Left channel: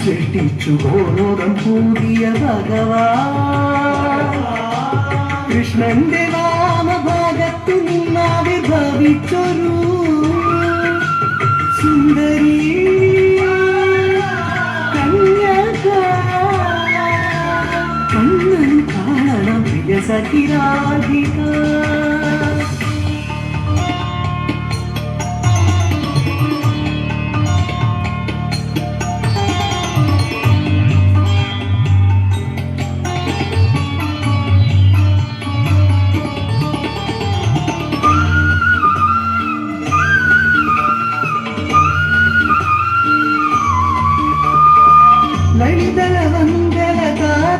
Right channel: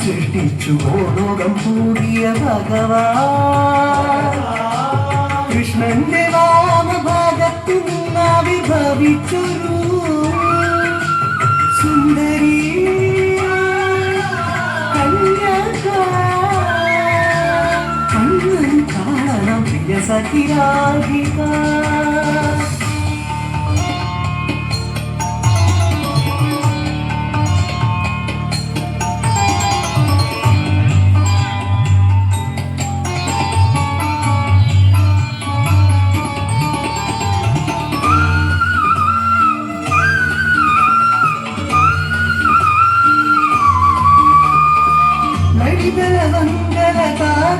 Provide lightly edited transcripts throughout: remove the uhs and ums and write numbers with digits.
സൃഷ്ടിച്ചു ലോകം കൂടിയ ഭഗവാൻ കൃഷ്ണന്റെ നാമഭാഗത്തു നിന്നാവിർഭവിച്ചൊരു സുന്ദരി കന്യക കണ്ണൻ കാണണം പ്രിയ സഖിരാധിക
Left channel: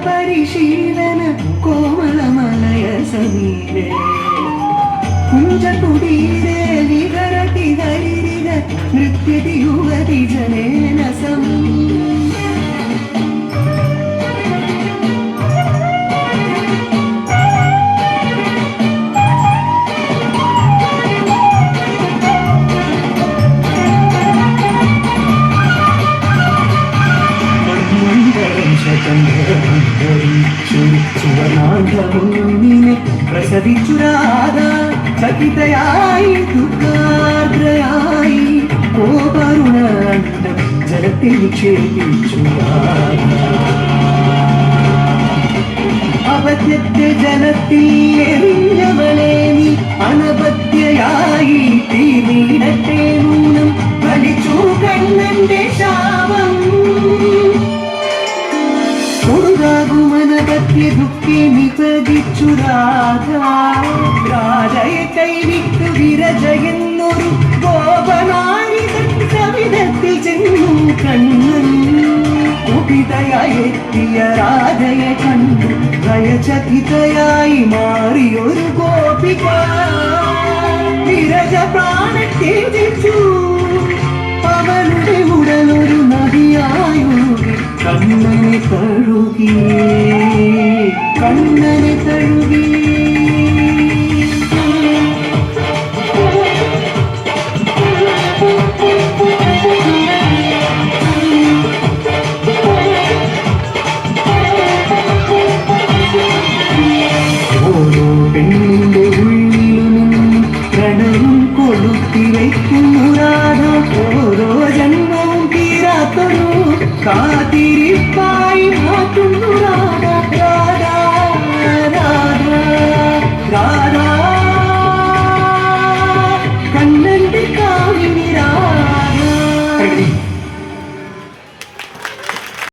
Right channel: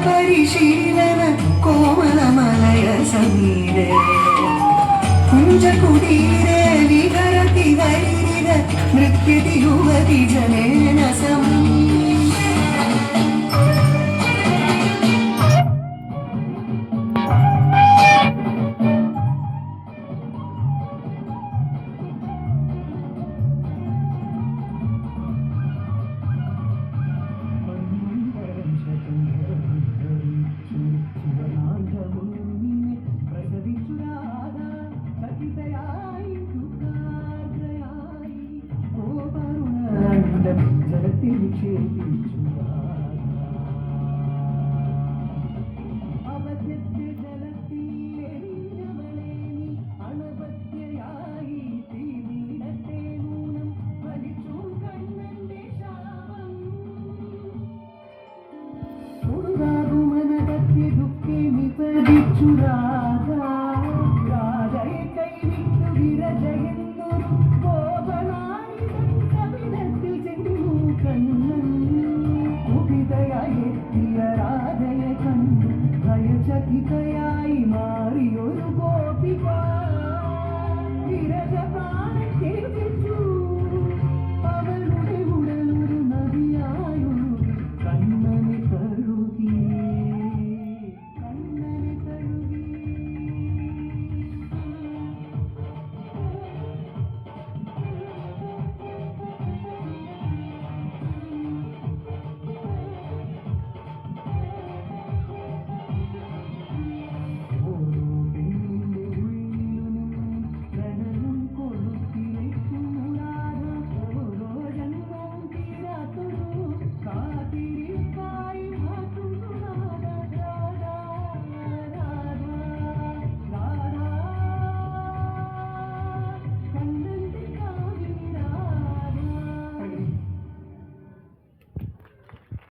പരിശീലന കോമളമലയ സമീരെ കുഞ്ചകുടീരെ വികരതി ഹരിര നൃത്യതി യുവതി ജനേന സമം സുവർണാന്ധമുന്നിനെ പ്രസവിച്ചുരാധ ചകിതയായി ദുഃഖാർദ്രയായി കോപരുണാന്തം ജലത്തിൽ നിക്ഷേപിച്ചു അപത്യത്തെ ജലത്തിൽ എറിഞ്ഞവളെ നീ അനപത്യയായി തീനീടത്തെ നൂനം വലിച്ചു കണ്ണന്റെ ശാപം കൊടുകാകുമനപത്യ ദുഃഖി നിപതിച്ചു രാധയെ കൈവിട്ടു വിരജയെന്നൊരു ഗോപനായികൻ കവിതത്തിൽ ചെന്നു കണ്ണൻ കുപിതയായി എത്തിയ രാധയെ കണ്ടു ഭയചകിതയായി മാറിയൊരു ഗോപിക വിരജ പ്രാണത്തെ ത്യജിച്ചു